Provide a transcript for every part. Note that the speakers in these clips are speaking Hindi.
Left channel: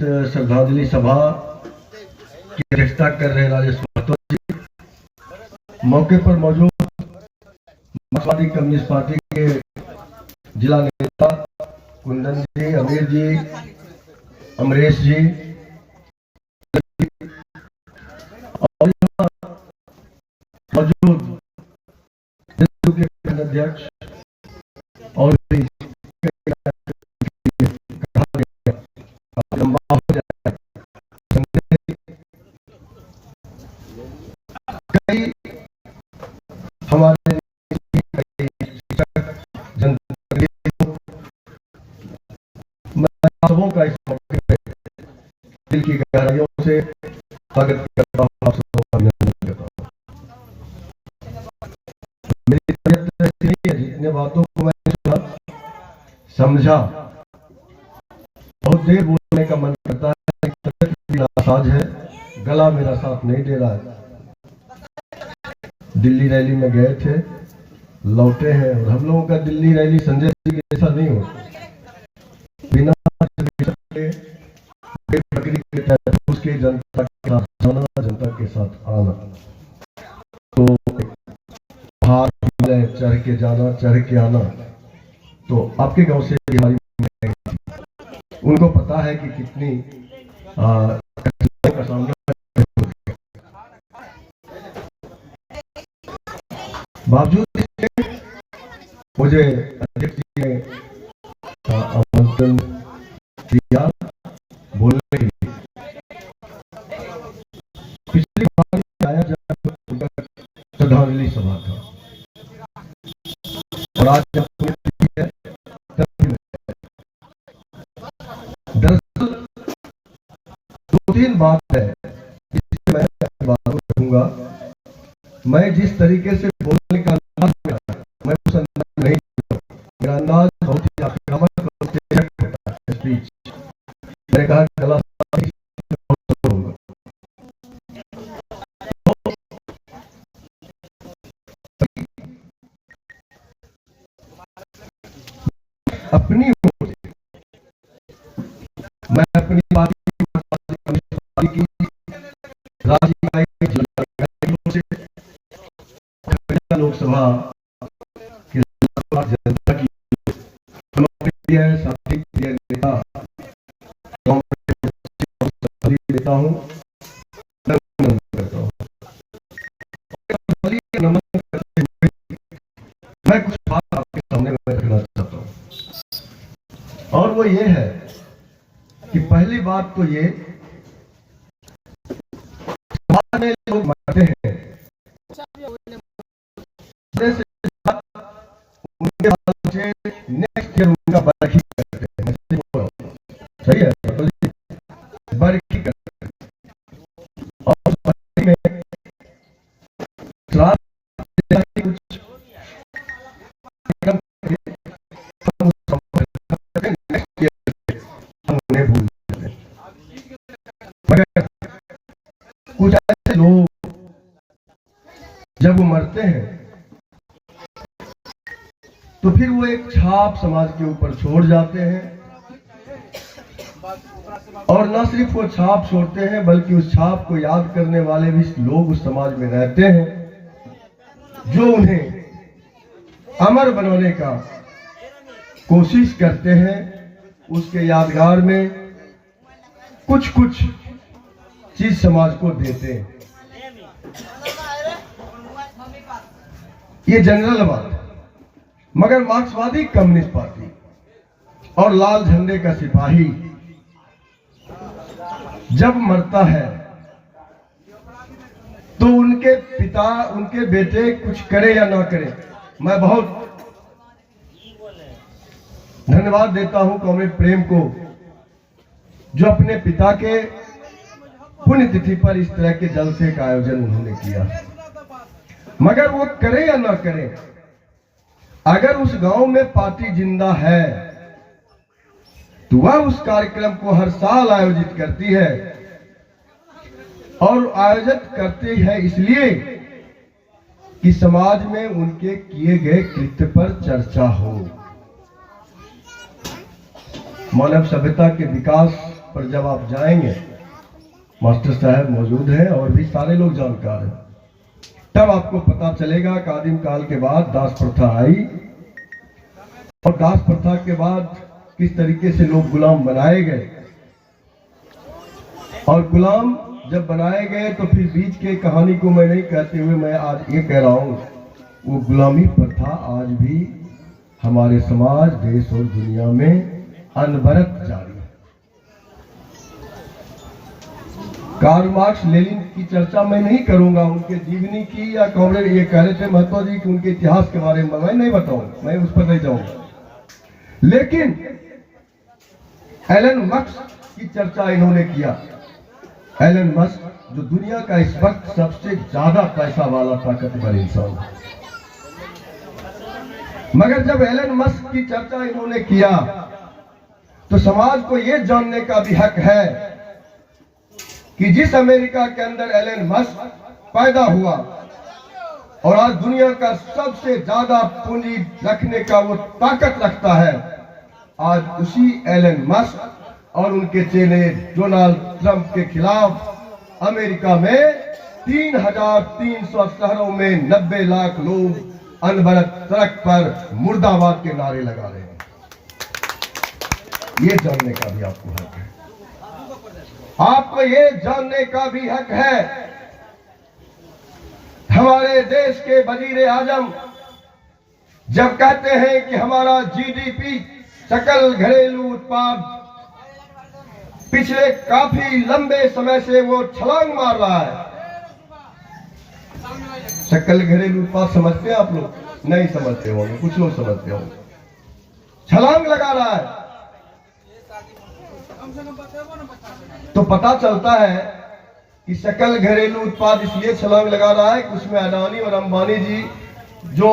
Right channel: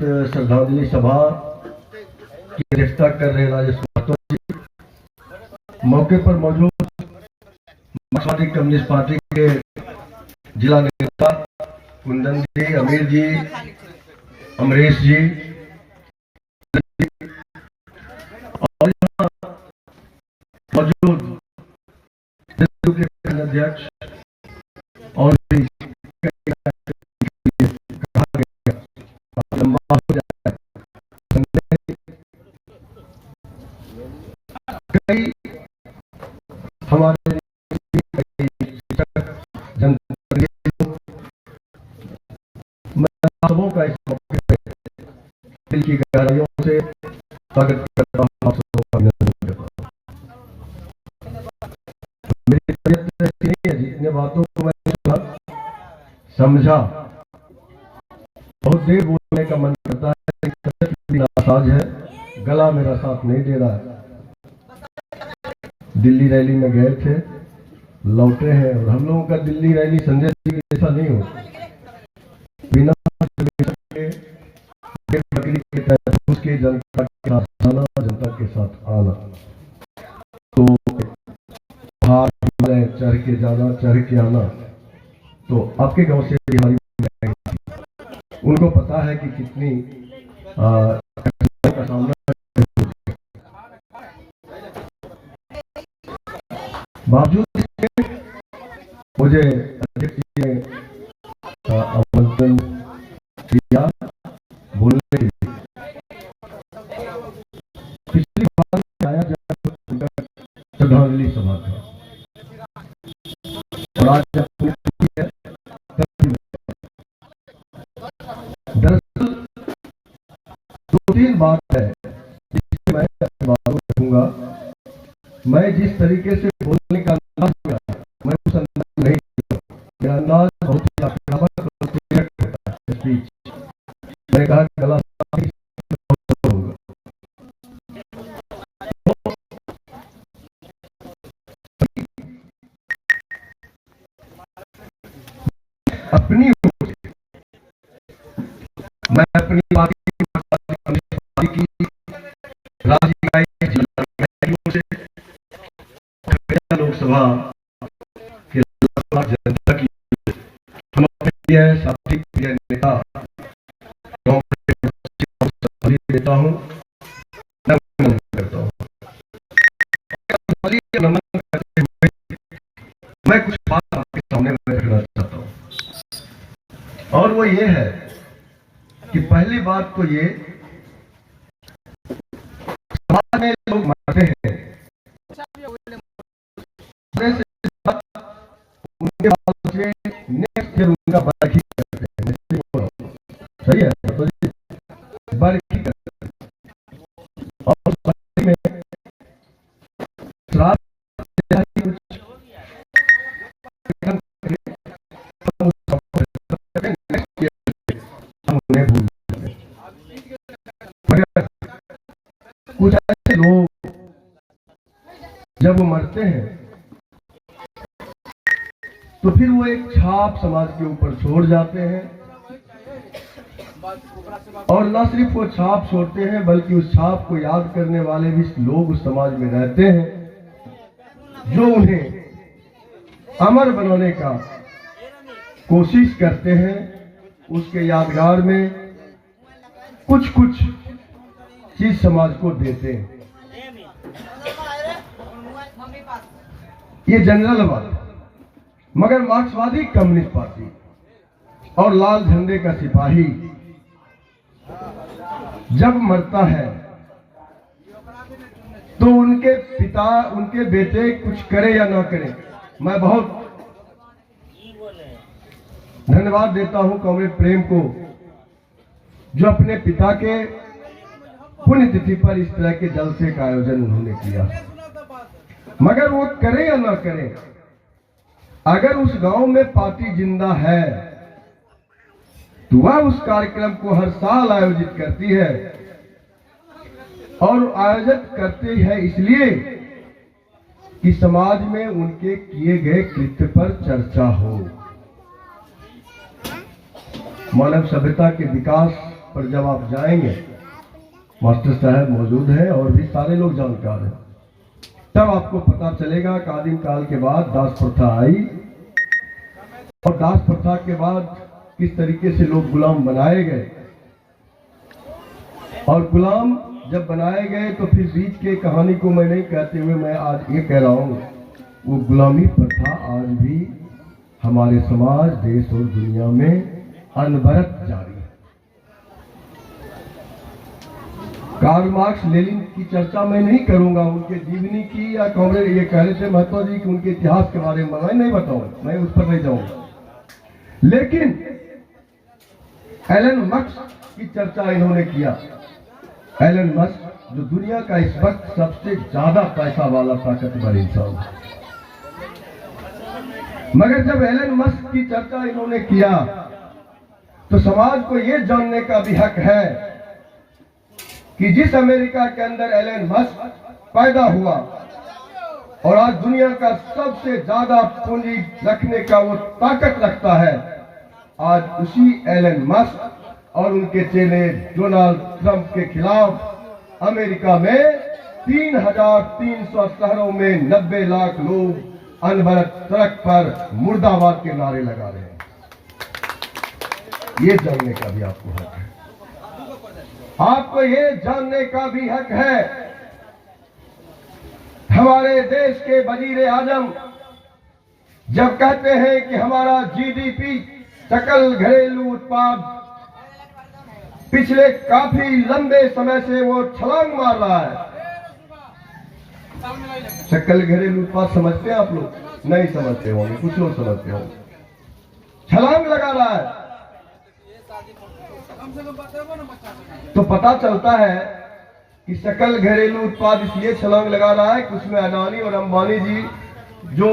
श्रद्धांजलि सभा की अध्यक्षता कर रहे राजेश महतो जी, मौके पर मौजूद मार्क्सवादी कम्युनिस्ट पार्टी के जिला नेता कुंदन जी, अमीर जी, अमरेश जी और मौजूद के अध्यक्ष और कई हमारे सबों का इस मौके पे दिल की गहराइयों से स्वागत करता हूँ। आप सबों का अभिनंदन करता हूँ। मेरी तबीयत ऐसी नहीं है, जितने बातों को मैं समझा, बहुत देर बोलने का मन करता है, तबीयत भी नासाज है, गला मेरा साथ नहीं दे रहा है। दिल्ली रैली में गए थे, लौटे हैं, और हम लोगों का दिल्ली रैली संजय जी की ऐसा नहीं हो, बिना बकरी के तहत उसके जनता के साथ आना, जनता के साथ आना, तो पहाड़ चढ़ के जाना, चढ़ के आना, तो आपके गांव से हमारी उनको पता है कि कितनी का सामना बावजूद मुझे अध्यक्ष जी ने आमंत्रण दिया बोलने के लिए। पिछली बार आया जब श्रद्धांजलि सभा था, और आज जब दरअसल 2-3 बात है जिससे मैं बात रखूंगा। मैं जिस तरीके से बोलने का अंदाज किया, मैं उस अंदाज नहीं, मेरा अंदाज बहुत ही आक्रामक होता है। स्पीच मैंने कहा गला होगा, अपनी मैं अपनी पार्टी की राज्य इकाई जिला इकाइयों से लोकसभा के जनता की प्रिय साथी, प्रिय नेता देता हूँ, नमन करता हूँ। नमन करते हुए मैं कुछ बात आपके सामने रखना चाहता हूँ, और वो ये है कि पहली बात तो ये, समाज में लोग मरते हैं, उनके बच्चे नेक्स्ट ईयर उनका बरखी करते हैं, सही है, तो बरखी करते हैं, और बरखी में श्राद्ध कुछ कुछ ऐसे लोग जब मरते हैं तो फिर वो एक छाप समाज के ऊपर छोड़ जाते हैं, और न सिर्फ वो छाप छोड़ते हैं बल्कि उस छाप को याद करने वाले भी लोग उस समाज में रहते हैं, जो उन्हें अमर बनाने का कोशिश करते हैं। उसके यादगार में कुछ कुछ चीज समाज को देते हैं। ये जनरल बात है, मगर मार्क्सवादी कम्युनिस्ट पार्टी और लाल झंडे का सिपाही जब मरता है तो उनके पिता, उनके बेटे कुछ करे या ना करे, मैं बहुत धन्यवाद देता हूं कॉमरेड प्रेम को, जो अपने पिता के पुण्यतिथि पर इस तरह के जलसे का आयोजन उन्होंने किया। मगर वो करे या ना करे, अगर उस गांव में पार्टी जिंदा है तो वह उस कार्यक्रम को हर साल आयोजित करती है, और आयोजित करती है इसलिए कि समाज में उनके किए गए कृत्य पर चर्चा हो, मानव सभ्यता के विकास पर जब आप जाएंगे, मास्टर साहब मौजूद हैं और भी सारे लोग जानकार हैं, तब आपको पता चलेगा कि आदिम काल के बाद दास प्रथा आई और दास प्रथा के बाद किस तरीके से लोग गुलाम बनाए गए, और गुलाम जब बनाए गए तो फिर बीच के कहानी को मैं नहीं कहते हुए मैं आज ये कह रहा हूं, वो गुलामी प्रथा आज भी हमारे समाज, देश और दुनिया में अनवरत जारी है। कार्ल मार्क्स, लेनिन की चर्चा मैं नहीं करूंगा, उनके जीवनी की, या कॉमरेड ये कह रहे थे महतो जी कि उनके इतिहास के बारे में मैं नहीं बताऊंगा, मैं उस पर नहीं जाऊंगा। लेकिन एलन मस्क की चर्चा इन्होंने किया। एलन मस्क जो दुनिया का इस वक्त सबसे ज्यादा पैसा वाला ताकतवर इंसान है, मगर जब एलन मस्क की चर्चा इन्होंने किया तो समाज को यह जानने का भी हक है कि जिस अमेरिका के अंदर एलन मस्क पैदा हुआ और आज दुनिया का सबसे ज्यादा पूंजी रखने का वो ताकत रखता है, आज उसी एलन मस्क और उनके चेले डोनाल्ड ट्रंप के खिलाफ अमेरिका में 3,300 शहरों में 90 लाख लोग अनवरत सड़क पर मुर्दाबाद के नारे लगा रहे हैं। ये जानने का भी आपको हक है, आपको ये जानने का भी हक है। हमारे देश के वजीर आजम जब कहते हैं कि हमारा जीडीपी, सकल घरेलू उत्पाद, पिछले काफी लंबे समय से वो छलांग मार रहा है। सकल घरेलू उत्पाद समझते हैं आप लोग? नहीं समझते होंगे, कुछ लोग समझते होंगे। छलांग लगा रहा है तो पता चलता है कि सकल घरेलू उत्पाद इसलिए छलांग लगा रहा है कि उसमें अडानी और अंबानी जी जो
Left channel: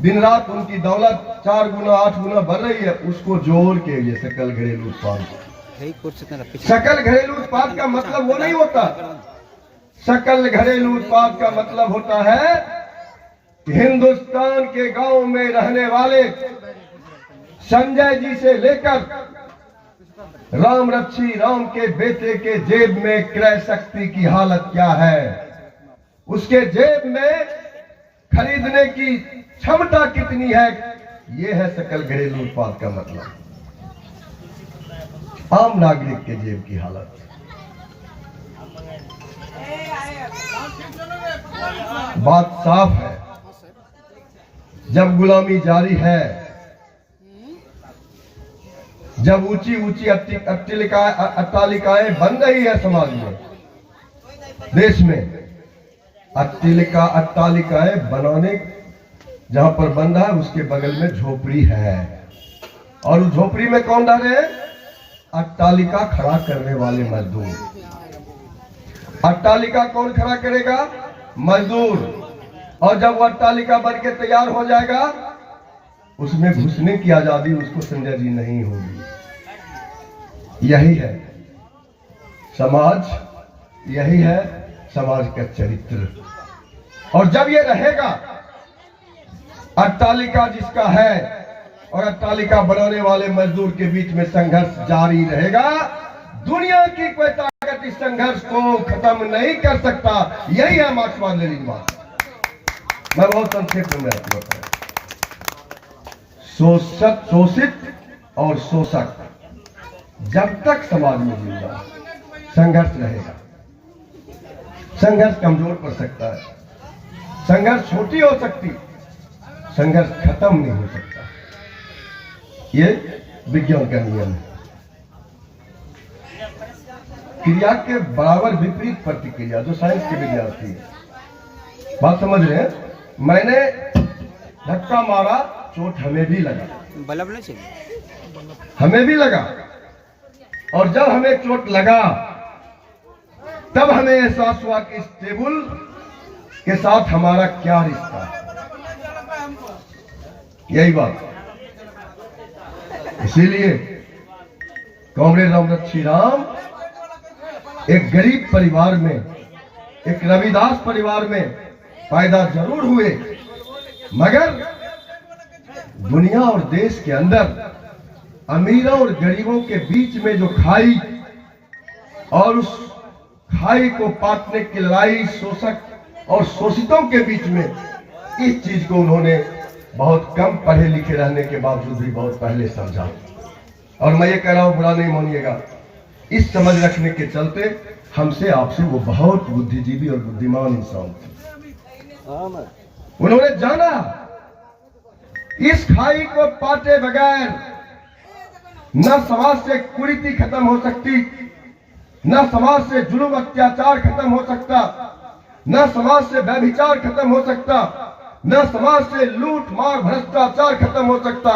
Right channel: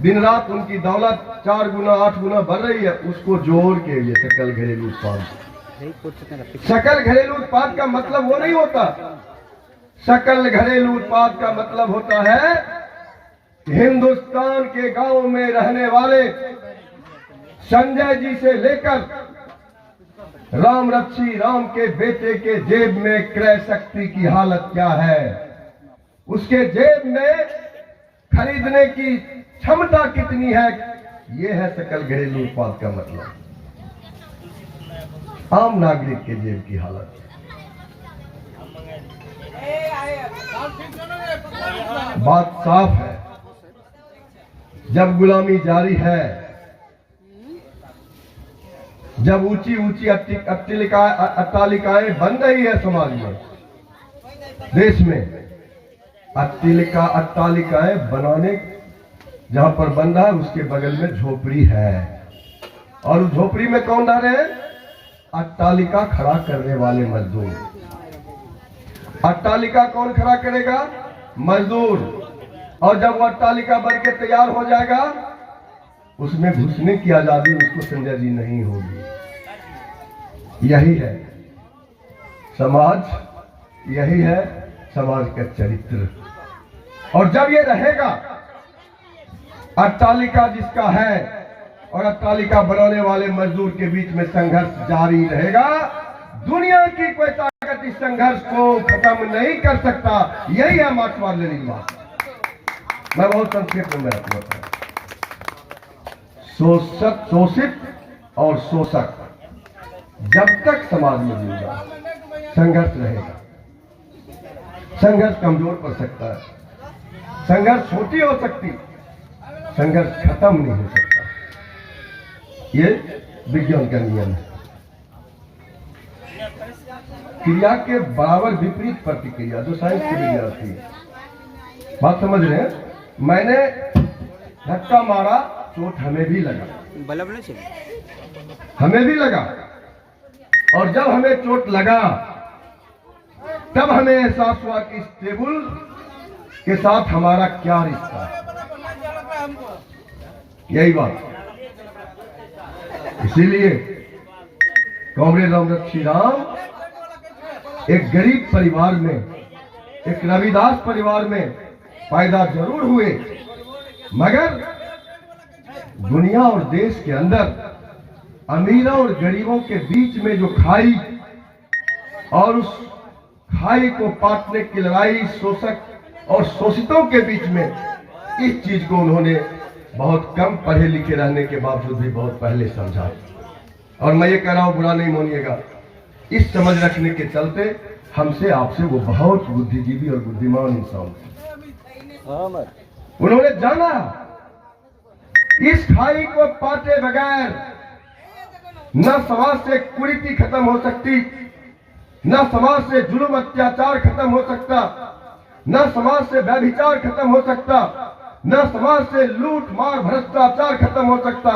दिन रात उनकी दौलत 4 गुना 8 गुना बढ़ रही है, उसको जोड़ के ये सकल घरेलू उत्पाद। सकल घरेलू उत्पाद का मतलब वो नहीं होता। सकल घरेलू उत्पाद का मतलब होता है कि हिंदुस्तान के गांव में रहने वाले संजय जी से लेकर राम रक्षी राम के बेटे के जेब में क्रय शक्ति की हालत क्या है, उसके जेब में खरीदने की क्षमता कितनी है, यह है सकल घरेलू उत्पाद का मतलब। आम नागरिक के जेब की हालत। बात साफ है, जब गुलामी जारी है, जब ऊंची ऊंची अट्टालिकाएं बन रही है समाज में, देश में, अट्टालिकाएं बनाने जहां पर बन रहा है उसके बगल में झोपड़ी है, और उस झोपड़ी में कौन रह रहे हैं? अट्टालिका खड़ा करने वाले मजदूर। अट्टालिका कौन खड़ा करेगा? मजदूर। और जब वो अट्टालिका बन के तैयार हो जाएगा, उसमें घुसने की आजादी उसको संजय जी नहीं होगी। यही है समाज, यही है समाज का चरित्र। और जब ये रहेगा, अट्टालिका जिसका है और अट्टालिका बनाने वाले मजदूर के बीच में संघर्ष जारी रहेगा, दुनिया की कोई ताकत इस संघर्ष को खत्म नहीं कर सकता। यही है मार्क्सवाद लेनिनवाद। मैं बहुत संक्षेप में आपको बताया। शोषित और शोषक जब तक समाज में जिएगा, संघर्ष रहेगा। संघर्ष कमजोर पड़ सकता है, संघर्ष छोटी हो सकती, संघर्ष खत्म नहीं हो सकता। ये विज्ञान का नियम है। क्रिया के बराबर विपरीत प्रतिक्रिया, जो साइंस के विद्यार्थी है, बात समझ रहे हैं? मैंने धक्का मारा, चोट हमें भी लगा, हमें भी लगा, और जब हमें चोट लगा तब हमें एहसास हुआ कि इस टेबल के साथ हमारा क्या रिश्ता है। यही बात। इसीलिए कॉमरेड रामरक्षी राम एक गरीब परिवार में, एक रविदास परिवार में पैदा जरूर हुए, मगर दुनिया और देश के अंदर अमीरों और गरीबों के बीच में जो खाई और उस खाई को पाटने की लड़ाई शोषक और शोषितों के बीच में, इस चीज को उन्होंने बहुत कम पढ़े लिखे रहने के बावजूद भी बहुत पहले समझा। और मैं ये कह रहा हूं, बुरा नहीं मानिएगा, इस समझ रखने के चलते हमसे आपसे वो बहुत बुद्धिजीवी और बुद्धिमान इंसान थे। उन्होंने जाना इस खाई को पाटे बगैर न समाज से कुरीति खत्म हो सकती, न समाज से जुल्म अत्याचार खत्म हो सकता, न समाज से व्यभिचार खत्म हो सकता, न समाज से लूट मार भ्रष्टाचार खत्म हो सकता,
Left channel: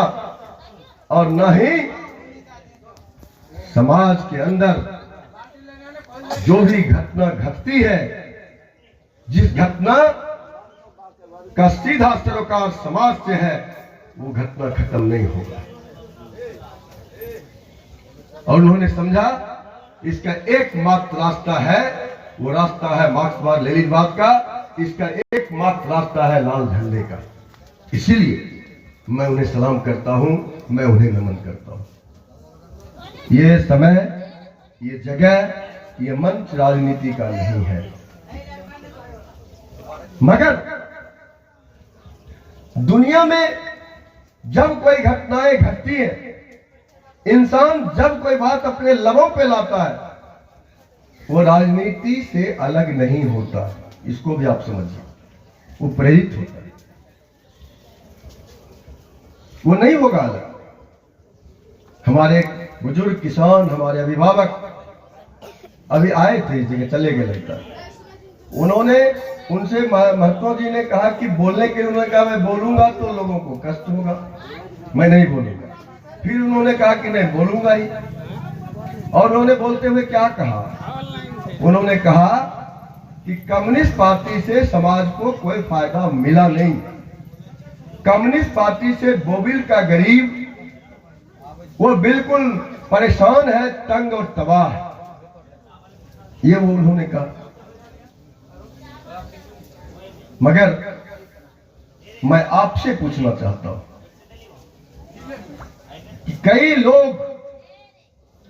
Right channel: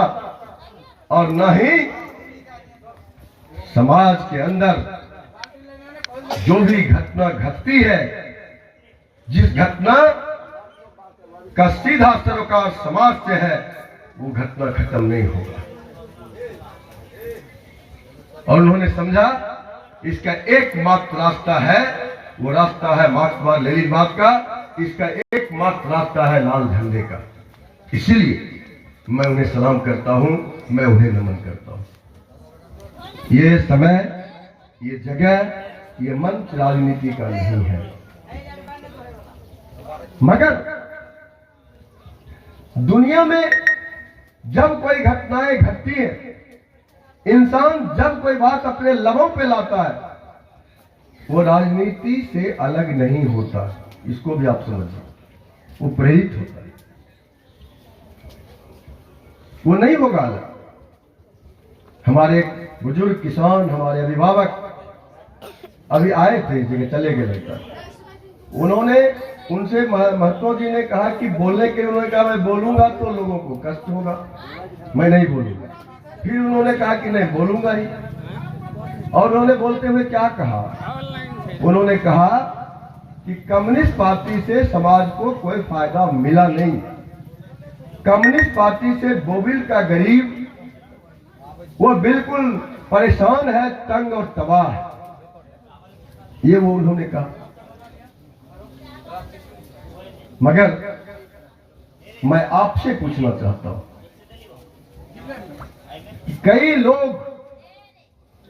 और न ही समाज के अंदर जो भी घटना घटती है, जिस घटना का सीधा सरोकार समाज से है, वो घटना खत्म नहीं होगा। और उन्होंने समझा इसका एकमात्र रास्ता है, वो रास्ता है मार्क्सवाद लेनिनवाद का, इसका एकमात्र रास्ता है लाल झंडे का। इसीलिए मैं उन्हें सलाम करता हूं, मैं उन्हें नमन करता हूं। ये समय, ये जगह, ये मंच राजनीति का नहीं है, मगर दुनिया में जब कोई घटनाएं घटती है, इंसान जब कोई बात अपने लबों पे लाता है, वो राजनीति से अलग नहीं होता। इसको भी आप समझिए, वो प्रेरित होता है, वो नहीं होगा अलग। हमारे बुजुर्ग किसान, हमारे अभिभावक अभी आए थे, इस जगह चले गए लगता है। उन्होंने, उनसे महतो जी ने कहा कि बोलने के लिए, उन्होंने कहा मैं बोलूंगा तो लोगों को कष्ट होगा, मैं नहीं बोलूंगा। फिर उन्होंने कहा कि नहीं बोलूंगा ही, और उन्होंने बोलते हुए क्या कहा, उन्होंने कहा कि कम्युनिस्ट पार्टी से समाज को कोई फायदा मिला नहीं, कम्युनिस्ट पार्टी से बोबिल का गरीब वो बिल्कुल परेशान है, तंग और तबाह है, ये वो उन्होंने कहा। मगर मैं आपसे पूछना चाहता हूं कि कई लोग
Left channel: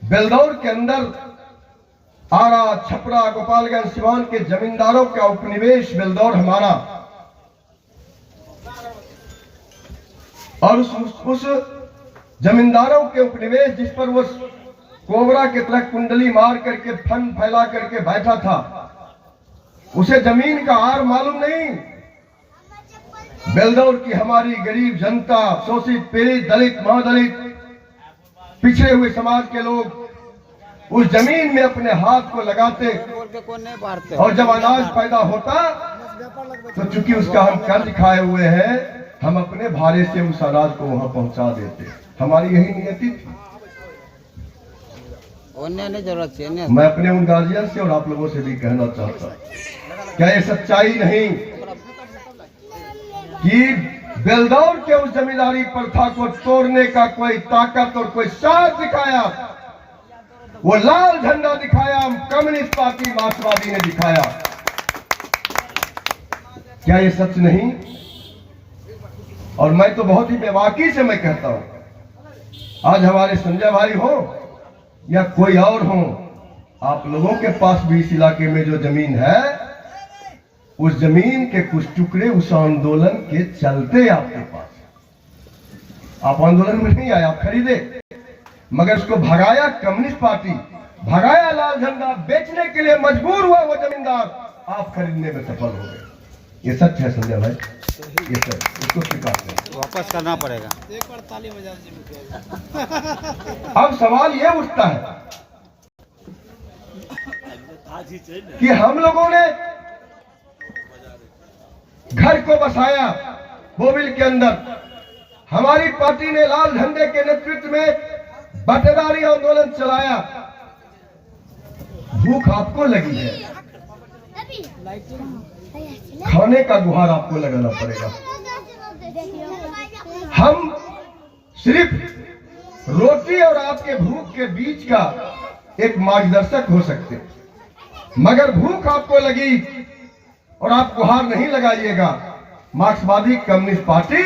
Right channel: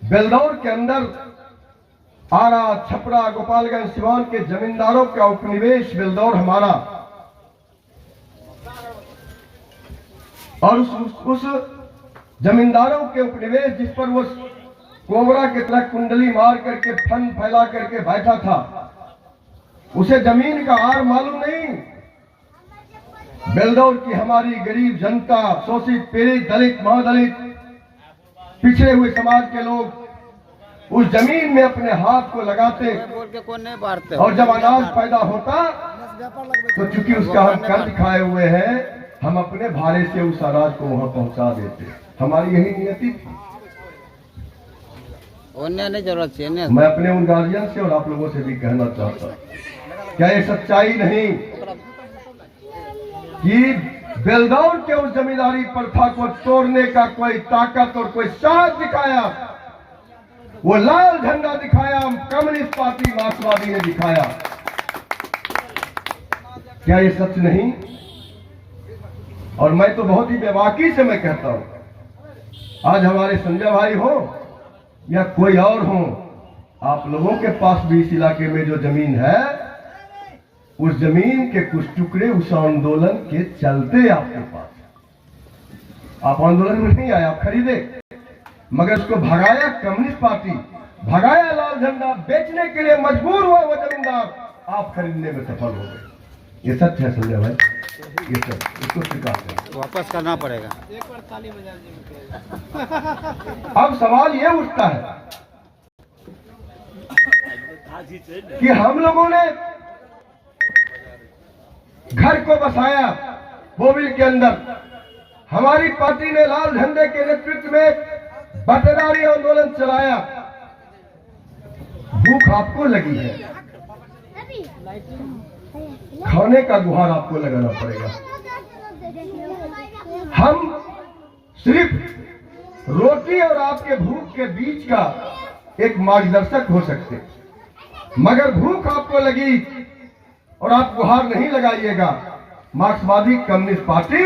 बेलदौर के अंदर, आरा, छपरा, गोपालगंज, सिवान के जमींदारों का उपनिवेश बेलदौर हमारा, और उस जमींदारों के उपनिवेश जिस पर वो कोबरा की तरह कुंडली मार करके फन फैला करके बैठा था, उसे जमीन का आर मालूम नहीं। बेलदौर की हमारी गरीब जनता, शोषित, पीड़ित, दलित, महादलित, पिछड़े हुए समाज के लोग उस जमीन में अपने हाथ को लगाते, और जब अनाज पैदा होता तो चूंकि उसका हम कर्ज खाए हुए हैं, हम अपने भाड़े से उस अनाज को वहां पहुंचा देते। हमारी यही नियति थी। नहीं जरूरत है। मैं अपने उन गार्जियन से और आप लोगों से भी कहना चाहता, क्या ये सच्चाई नहीं कि बेलदौर के उस जमींदारी प्रथा को तोड़ने का कोई ताकत और कोई साहस दिखाया, वो लाल झंडा दिखाया, कम्युनिस्ट पार्टी मार्क्सवादी ने दिखाया। क्या ये सच नहीं? और मैं तो बहुत ही बेबाकी से मैं कहता हूं, आज हमारे संजय भाई हो या कोई और हो, आप लोगों के पास भी इस इलाके में जो जमीन है, उस जमीन के कुछ टुकड़े उस आंदोलन के चलते आपके पास। आप आंदोलन में नहीं आए, आप खरीदे, मगर उसको भगाया कम्युनिस्ट पार्टी, भगाया लाल झंडा, बेचने के लिए मजबूर हुआ वो जमींदार, आप खरीदने में सफल हो गए। ये सच है संजय भाई, ये सच, इसको स्वीकार करें। वापस करना पड़ेगा। अब सवाल ये उठता है कि हम लोगों ने घर को बसाया बोबिल के अंदर, हमारी पार्टी ने लाल झंडे के नेतृत्व में बटेदारी आंदोलन चलाया। भूख आपको लगी है, खाने का गुहार आपको लगाना पड़ेगा। हम सिर्फ रोटी और आपके भूख के बीच का एक मार्गदर्शक हो सकते, मगर भूख आपको लगी और आप गुहार नहीं लगाइएगा, मार्क्सवादी कम्युनिस्ट पार्टी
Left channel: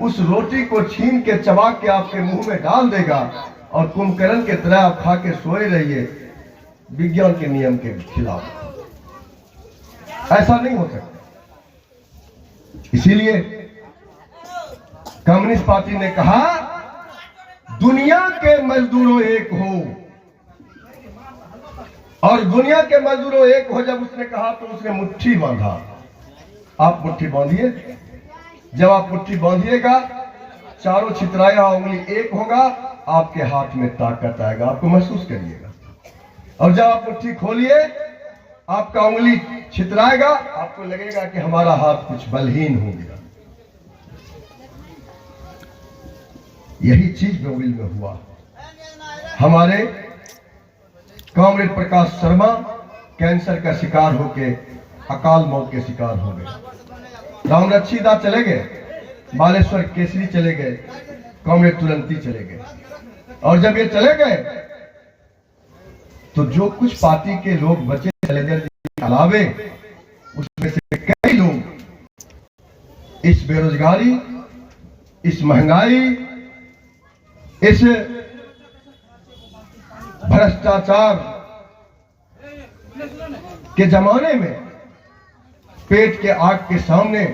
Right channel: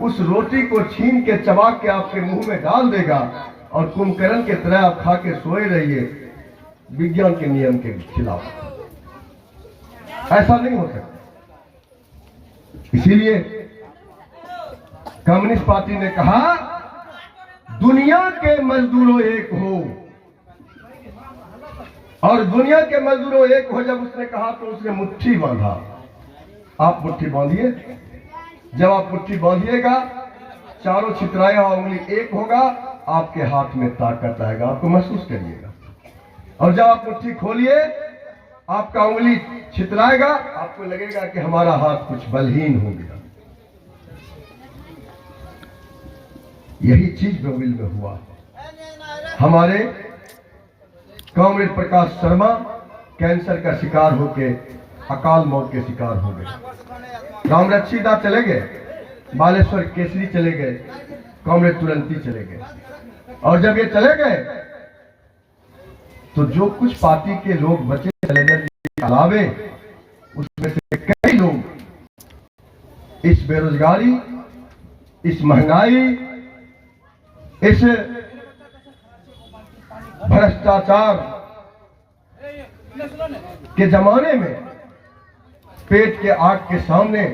उस रोटी को छीन के चबा के आपके मुंह में डाल देगा और कुंभकर्ण के तरह आप खा के सोए रहिए। विज्ञान के नियम के खिलाफ। ऐसा नहीं हो सकता। इसीलिए कम्युनिस्ट पार्टी ने कहा दुनिया के मजदूरों एक हो, और दुनिया के मजदूरों एक हो जब उसने कहा तो उसने मुट्ठी बांधा। आप मुट्ठी बांधिए। जब आप मुट्ठी बांधिएगा, चारों छितराया उंगली एक होगा, आपके हाथ में ताकत आएगा, आपको महसूस करिएगा। और जब आप मुट्ठी खोलिए, आपका उंगली छितराएगा, आपको लगेगा कि हमारा हाथ कुछ बलहीन हो गया। यही चीज बेविल में हुआ। हमारे कॉमरेड प्रकाश शर्मा कैंसर का शिकार होके अकाल मौत के शिकार हो गए। रामरक्षीदा चले गए, बालेश्वर केसरी चले गए, कॉमरेड तुरंती चले गए। और जब ये चले गए तो जो कुछ पार्टी के लोग बचे चले अलावे, उसमें से कई लोग इस बेरोजगारी, इस महंगाई, इस भ्रष्टाचार के जमाने में पेट के आग के सामने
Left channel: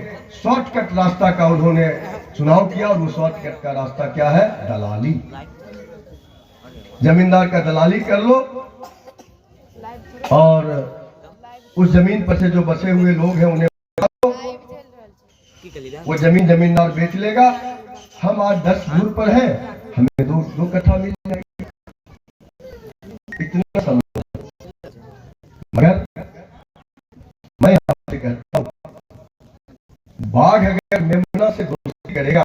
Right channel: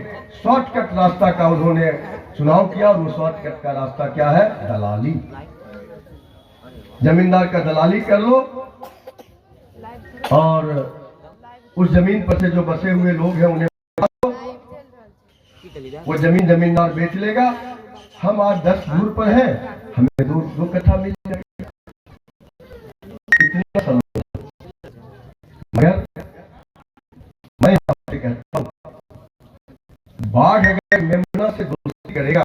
शॉर्टकट रास्ता का उन्होंने चुनाव किया। और वो शॉर्टकट का रास्ता क्या है? दलाली। जमींदार का दलाली कर लो और उस जमीन पर से जो बसे हुए लोग हैं उन्हें वो जमीन जमींदार बेच लेगा। हम आज 10 धूर पर हैं, हमें दो कट्ठा मिल जाएगी। इतना समझो। मगर मैं आपसे कहता हूं, बाघ अगर मेमना से दोस्ती करेगा,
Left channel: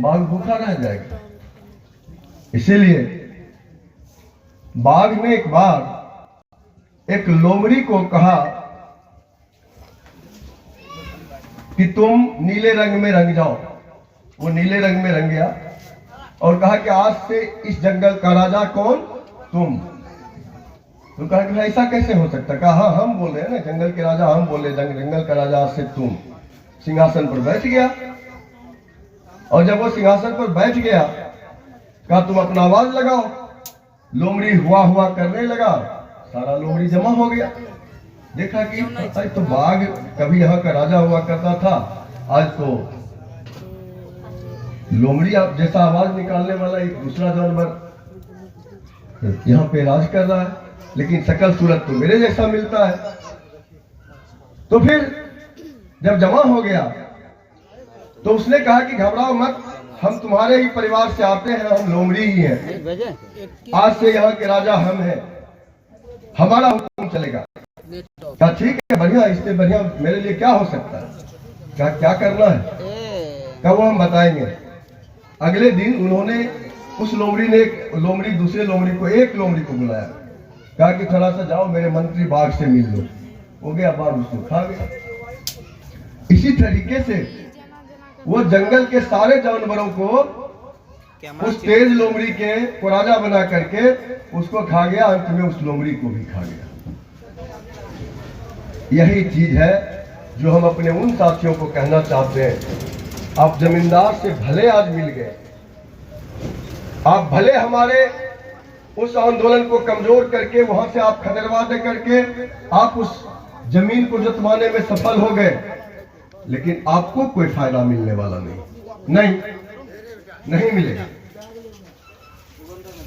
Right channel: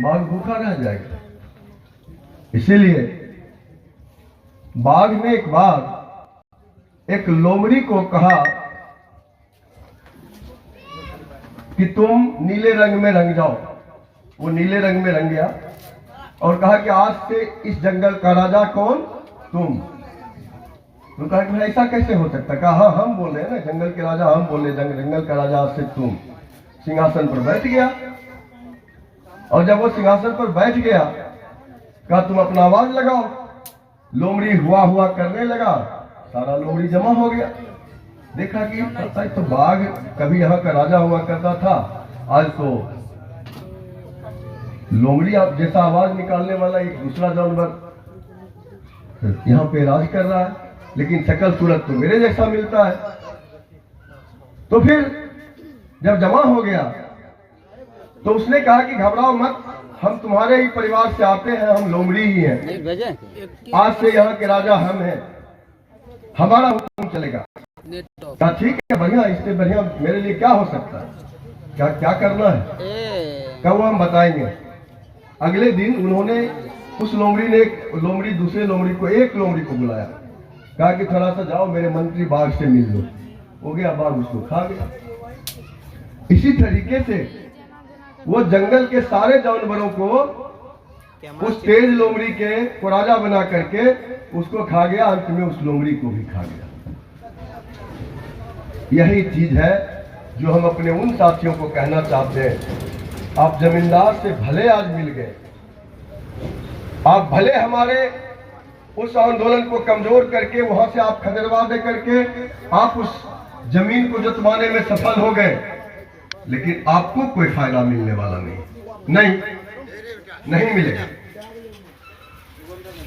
बाघ भूखा रह जाएगा। इसीलिए बाघ ने एक बार एक लोमड़ी को कहा कि तुम नीले रंग में रंग जाओ। वो नीले रंग में रंग गया और कहा कि आज से इस जंगल का राजा कौन? तुम। तो कहा कि ऐसा कैसे हो सकता? कहा हाँ, हम बोल रहे हैं ना, जंगल के राजा हम बोले, जंगल का राजा आज से तुम। सिंहासन पर बैठ गया और जब वो सिंहासन पर बैठ गया, कहा तुम अपना आवाज लगाओ। लोमड़ी हुआ करने लगा, सारा लोमड़ी जमा हो गया। देखा कि तो बाघ कभी यहाँ का राजा हुआ करता था, आज तो लोमड़ी जैसा आवाज निकालने वाला एक दूसरा जानवर यहाँ पे राज कर रहा है, लेकिन शकल सूरत तो मेरे जैसा मिलता है। तो फिर जब जमा हो गया तो उसने कहा कि घबराओ मत, हम तुम्हारे ही परिवार से आते हैं, हम लोमड़ी ही हैं। आज से यहाँ के राजा हम हैं, हमारा हुक्म चलेगा। क्या ठीक है, बढ़िया, इससे बढ़िया मेरे लिए क्या हो सकता है? क्या करना है? क्या वो हम बताएंगे। अगले दिन उन्होंने उस लोमड़ी ने लोमड़ी दूसरे लोमड़ी को एक लोमड़ी को बुलाया, कहा कि थोड़ा सा जाओ मेरे मंत्री बाघ से मिल लो। हो गया, बाघ उसको खा गया। इसी तरीके से वो जंगल के सारे जानवरों को उस तेज लोमड़ी के को राजा बना करके उसको खा गया, अंत में उस लोमड़ी को भी खा गया। यही चीज है जो हम अपने उन साथियों को कहना चाहते हैं। आप जमींदार से भले आज मिल गए, आप भले हमारे उस आंदोलन को कमजोर करके वहां से आप खदेड़वा दे करके आप उस जमीन को जतवाने में सफल हो गए, लेकिन आपको कोई फायदा मिलने वाला नहीं मिलेगा।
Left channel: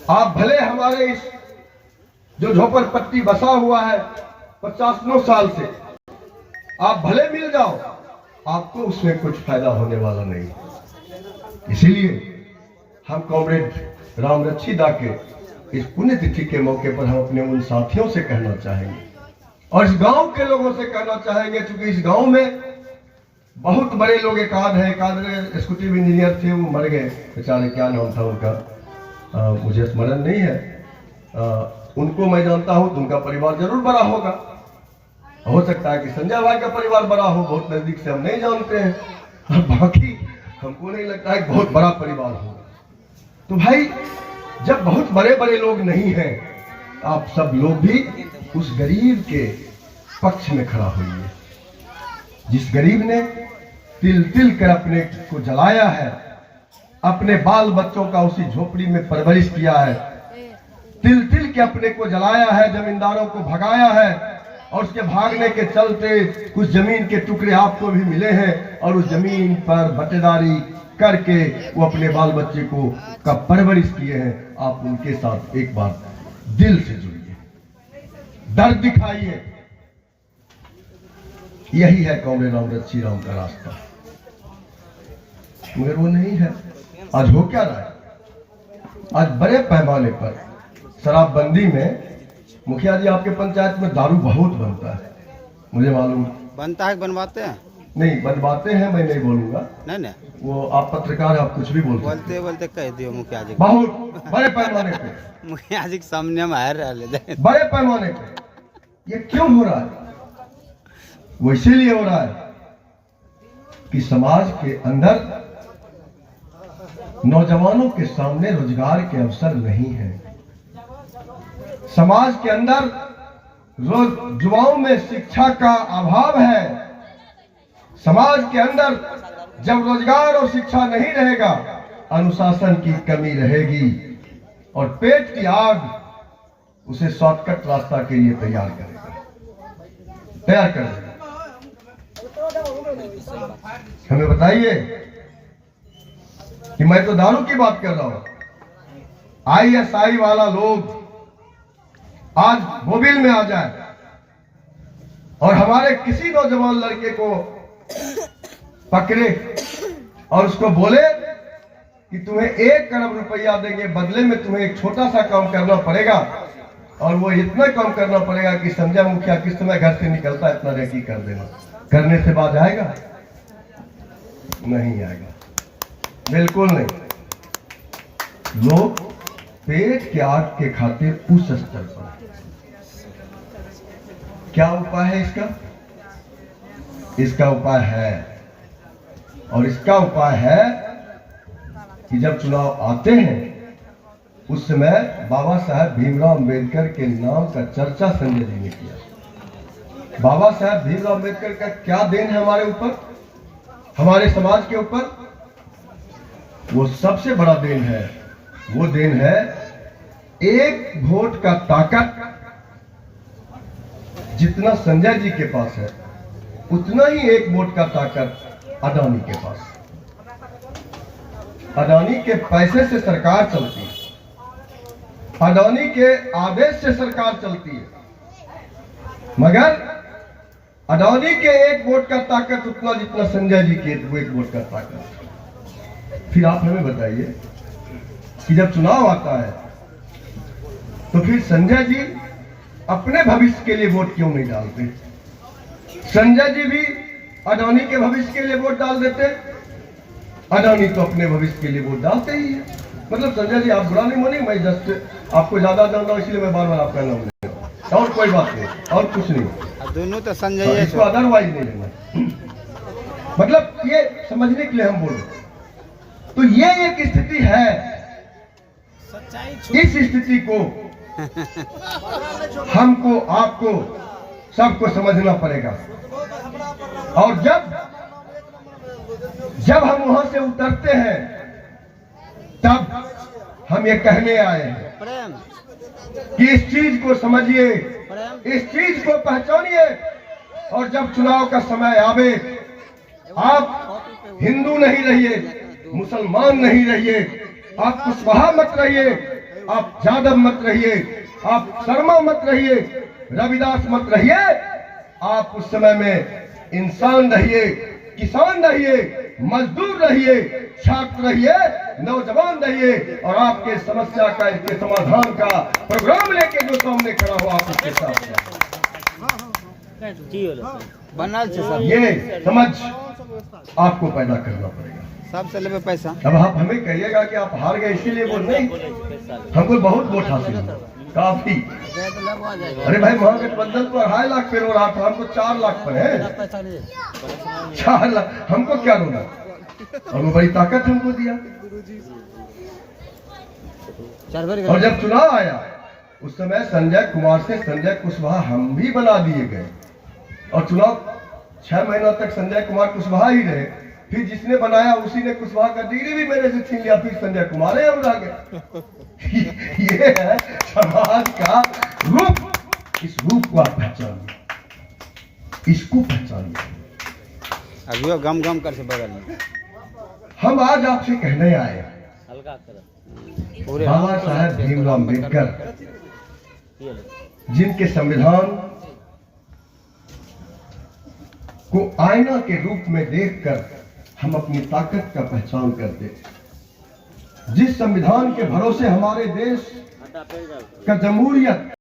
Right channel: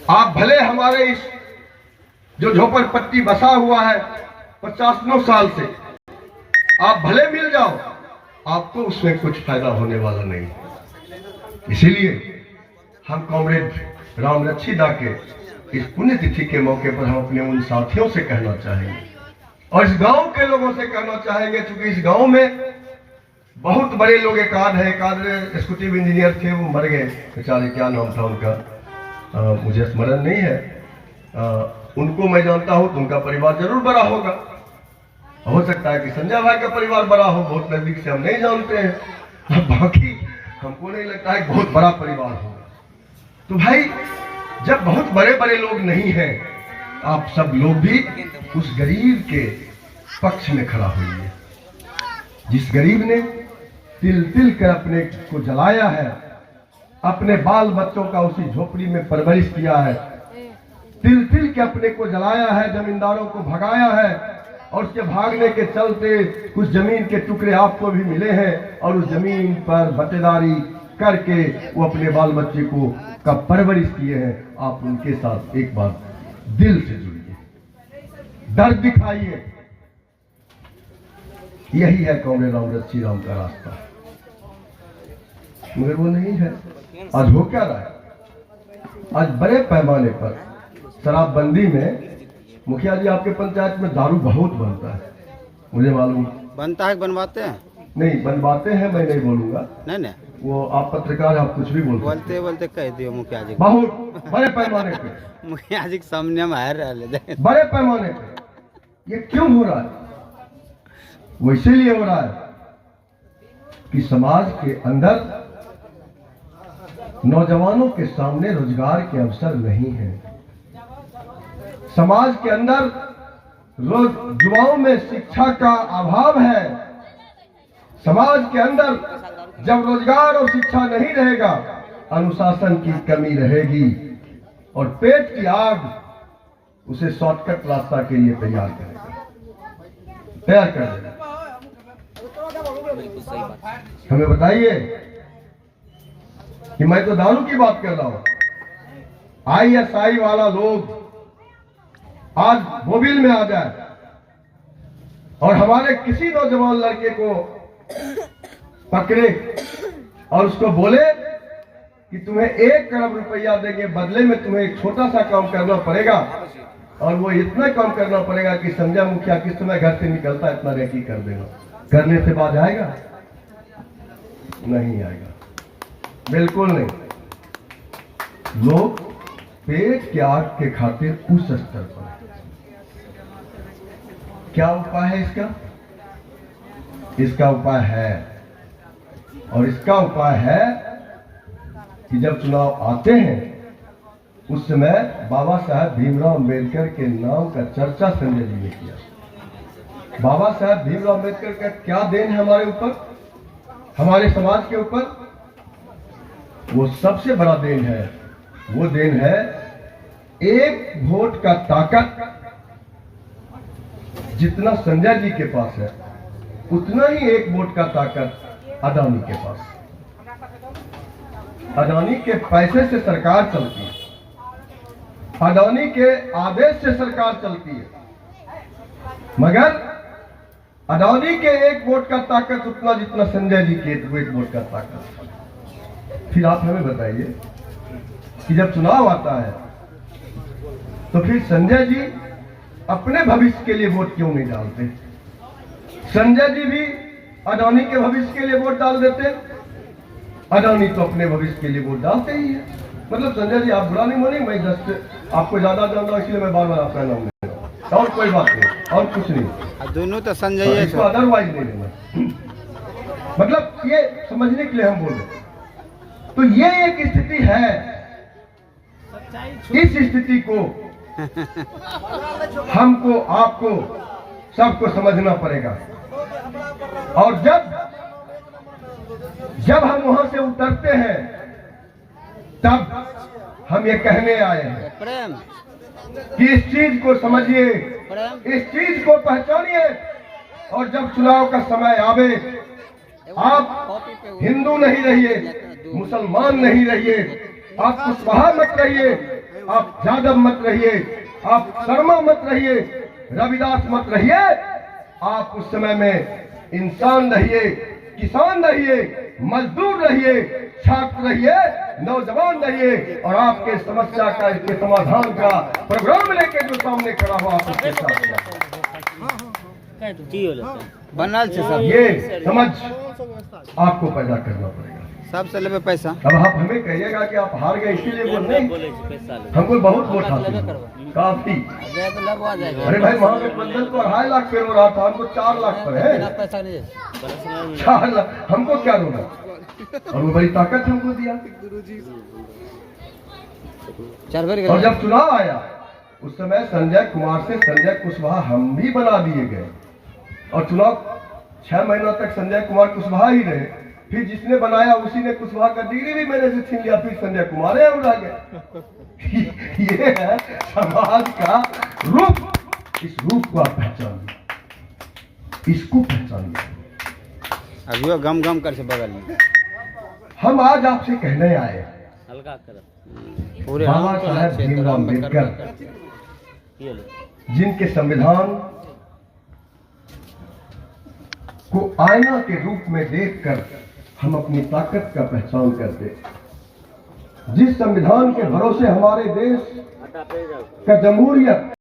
आप भले हमारे इस जो झोपड़पट्टी बसा हुआ है 50 साल से, आप भले मिल जाओ, आपको उसमें कुछ फायदा होने वाला नहीं। इसीलिए हम कॉमरेड रामरक्षीदा के इस पुण्यतिथि के मौके पर हम अपने उन साथियों से कहना चाहेंगे और इस गांव के लोगों से कहना चाहेंगे, क्योंकि इस गांव में बहुत बड़े लोग एक आध एग्जीक्यूटिव इंजीनियर थे, वो मर गए बेचारे, क्या नाम था उनका मुझे स्मरण नहीं है। उनको मैं जानता हूं तो उनका परिवार जरूर बड़ा होगा। हो सकता है कि संजय भाई का परिवार बड़ा हो, बहुत नजदीक से हम नहीं जानते हैं, बाकी हमको नहीं लगता है बहुत बड़ा परिवार होगा। तो भाई जब बहुत बड़े बड़े लोग नहीं हैं, आप सब लोग भी उस गरीब के पक्ष में खड़ा होइए, जिस गरीब ने तिल तिल कर अपने को जलाया है, अपने बाल बच्चों का उसी झोपड़ी में परवरिश किया है, तिल के अपने को जलाया है, जमींदारों को भगाया है, और उसके भागने के चलते कुछ जमीन के टुकड़े आपको भी मिले हैं, और उस जमीन पर बटेदारी करके वो अपने बाल बच्चे को का परवरिश किए हैं। आप उनके साथ एक बार दिल से जुड़िए, दर्द दिखाइए। यही है कॉमरेड रामव्रत श्री राम का रास्ता, मगर वो नहीं है। आज हो क्या रहा है? आज बड़े पैमाने पर शराबबंदी में, मुखिया जी आपके पंचायत में दारू बहुत बनता है, मुझे मालूम। बनता है कि बनवाते हैं? नहीं बनवाते हैं, मैं नहीं बोलूंगा। नहीं नहीं, वो आप पत्रकार, आप कुछ भी बोलते बोलते कह दियो मुखिया जी को। बहुत बड़े पैमाने पे मुखिया जी के सामने हम हार रहे। बड़े पैमाने पे ये क्यों हो रहा है? वो इसीलिए हो रहा है कि समाज के अंदर नौजवानों के सामने रोजगार के अवसर नहीं है। समाज के अंदर युवाओं में शिक्षा का अभाव है। समाज के अंदर जब रोजगार और शिक्षा नहीं रहेगा, अनुशासन की कमी रहेगी, और पेट की आग उसे शॉर्टकट रास्ता के लिए तैयार कर देगा। हमें बताइए कि मैं तो दारू की बात कर रहा हूं। ISI वाला लोग आज मोबिल में आ जाए और हमारे किसी नौजवान लड़के को पकड़े और उसको बोले कि तुम्हें 1 करोड़ रुपया देंगे, बदले में तुम्हें एक छोटा सा काम करना पड़ेगा, और वो इतना काम करना पड़ेगा कि संजय मुखिया किस समय घर से निकलता इतना रेकी कर देना। करने से बात आएगा? नहीं आएगा, बिल्कुल नहीं। लोग पेट के आग के खातिर उस स्तर पर। क्या उपाय है इसका? इसका उपाय है, और इसका उपाय है कि जब चुनाव आते हैं उस समय बाबा साहब भीमराव अंबेडकर के नाम का चर्चा संजय जी ने किया। बाबा साहब भीमराव अंबेडकर का क्या देन है हमारे ऊपर, हमारे समाज के ऊपर? वो सबसे बड़ा देन है। वो देन है 1 वोट का ताकत। जितना संजय जी के पास है उतना ही 1 वोट का ताकत अडानी के पास। अडानी के पैसे से सरकार चलती है, अडानी के आदेश से सरकार चलती है, मगर अडानी के 1 वोट का ताकत उतना जितना संजय जी के 1 वोट का ताकत। फिर आप हमें बताइए कि जब चुनाव आता है तो फिर संजय जी अपने भविष्य के लिए वोट क्यों नहीं डालते? संजय जी भी अडानी के भविष्य के लिए वोट डाल देते। अडानी तो अपने भविष्य के लिए वोट डालते ही है। मतलब संजय जी आप बुरा नहीं मानिए, मैं जस्ट आपको ज्यादा जानता हूं इसलिए मैं बार बार आपका नाम ले रहा हूं, और कोई बात नहीं, और कुछ नहीं। दोनों तो संजय इसको अदरवाइज नहीं लेना। मतलब ये समझने के लिए हम बोल रहे। तो ये एक स्थिति है, इस स्थिति को हमको, आपको, सबको समझना पड़ेगा। और जब हम वहां से उतरते हैं तब हम ये कहने आए हैं कि इस चीज को समझिए, इस चीज को पहचानिए, और जब चुनाव का समय आवे, आप हिंदू नहीं रहिए, मुसलमान नहीं रहिए, आप कुशवाहा मत रहिए, आप यादव मत रहिए, आप शर्मा मत रहिए, रविदास मत रहिए। आप उस समय में इंसान रहिए, किसान रहिए, मजदूर रहिए, छात्र रहिए, नौजवान रहिए, और आपके समस्या का, इसके समाधान का प्रोग्राम लेके जो सामने खड़ा हुआ आप उसके साथ बनल से सब ये समझ आपको पैदा करना पड़ेगा। सबसे लेवे पैसा। अब आप हमें कहिएगा कि आप हार गए इसीलिए वोट नहीं, हमको बहुत वोट हासिल हुआ, काफी। अरे भाई वहां के बंधन तो 2.5 लाख पे रो रहा था, हमको 4 लाख पर है। 4 लाख हमको क्या रोना, और वो बड़ी ताकत हमको दिया। और जब चुनाव आया उस समय संजय कुमार से संजय कुशवाहा हम भी बना दिए गए, और चुनाव 6 महीना तक संजय कुमार कुशवाहा ही रहे, फिर जिसने बनाया उसी ने कुशवाहा का डिग्री भी मेरे से छीन लिया, फिर संजय कुमार है उड़ा गया। ये है समाज का रूप। इस रूप को आप पहचानिए, इसको पहचानिए। अभी वो गम गम कर से बगल में हम आज आपसे कहने आए, हल्का कर पूरे बाबा साहेब भीमराव अम्बेडकर जिनके संविधान को आईना के रूप में देखकर हम अपनी ताकत का पहचान करते, जिस संविधान के भरोसे हमारे देश का जमहूरियत